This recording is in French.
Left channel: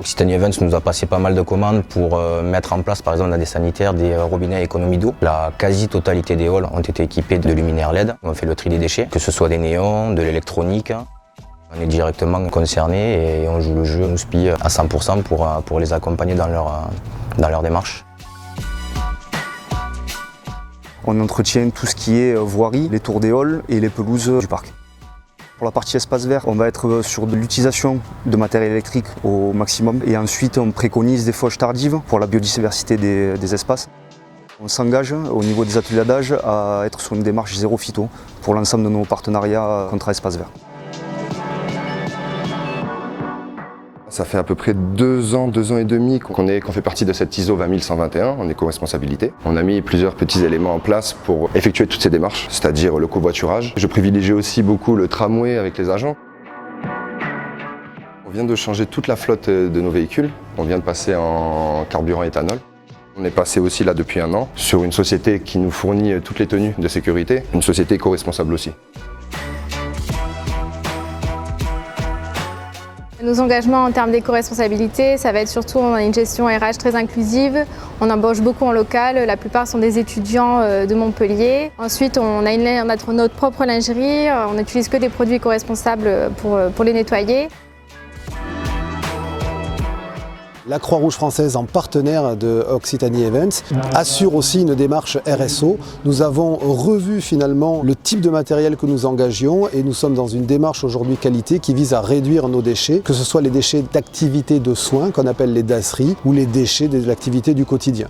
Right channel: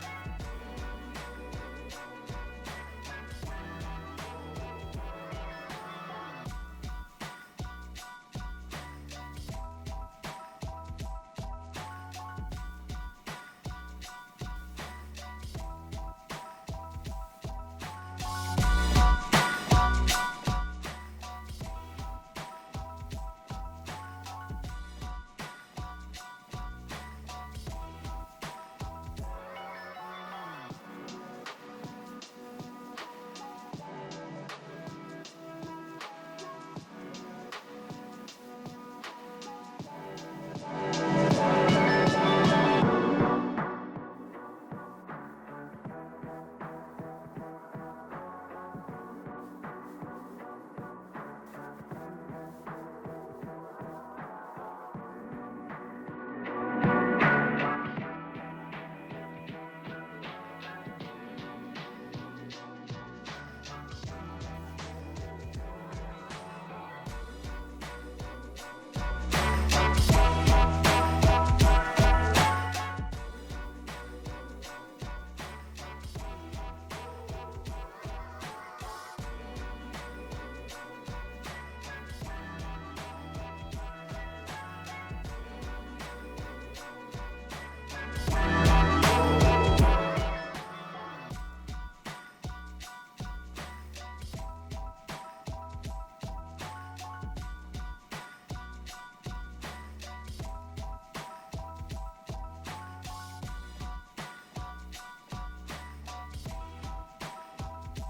Occitanie Events nous a passé pas mal de commandes pour mettre en place par exemple dans des sanitaires des robinets à économie d'eau. La quasi-totalité des halls ont été équipés de luminaires LED. On fait le tri des déchets, que ce soit des néons, de l'électronique. On est directement concernés et on joue le jeu, on nous spie à 100% pour les accompagner dans leur démarche. On entretient tout ce qui est voirie, les tours des halls et les pelouses du parc. Pour la partie espace vert, on va être sur de l'utilisation de matériel électrique au maximum et ensuite on préconise des fauches tardives pour la biodiversité des espaces. On s'engage au niveau des ateliers d'âge à être sur une démarche zéro phyto pour l'ensemble de nos partenariats contrats espace vert. Ça fait à peu près 2 ans et demi qu'on fait partie de cette ISO 20121 en éco-responsabilité. On a mis plusieurs petits éléments en place pour effectuer toutes ces démarches, c'est-à-dire le covoiturage. Je privilégie aussi beaucoup le tramway avec les agents. On vient de changer toute la flotte de nos véhicules. On vient de passer en carburant éthanol. On est passé aussi là depuis 1 an sur une société qui nous fournit toutes les tenues de sécurité, une société éco-responsable aussi. Nos engagements en termes d'éco-responsabilité, ça va être surtout on a une gestion RH très inclusive, on embauche beaucoup en local, la plupart sont des étudiants de Montpellier. Ensuite, on a notre propre lingerie, on n'utilise que des produits éco-responsables pour les nettoyer. La Croix-Rouge française, en partenaire de Occitanie Events, assure aussi une démarche RSO. Nous avons revu finalement le type de matériel que nous engagions et nous sommes dans une démarche aujourd'hui qualité qui vise à réduire nos déchets, que ce soit les déchets d'activités de soins qu'on appelle les dasseries ou les déchets de l'activité du quotidien.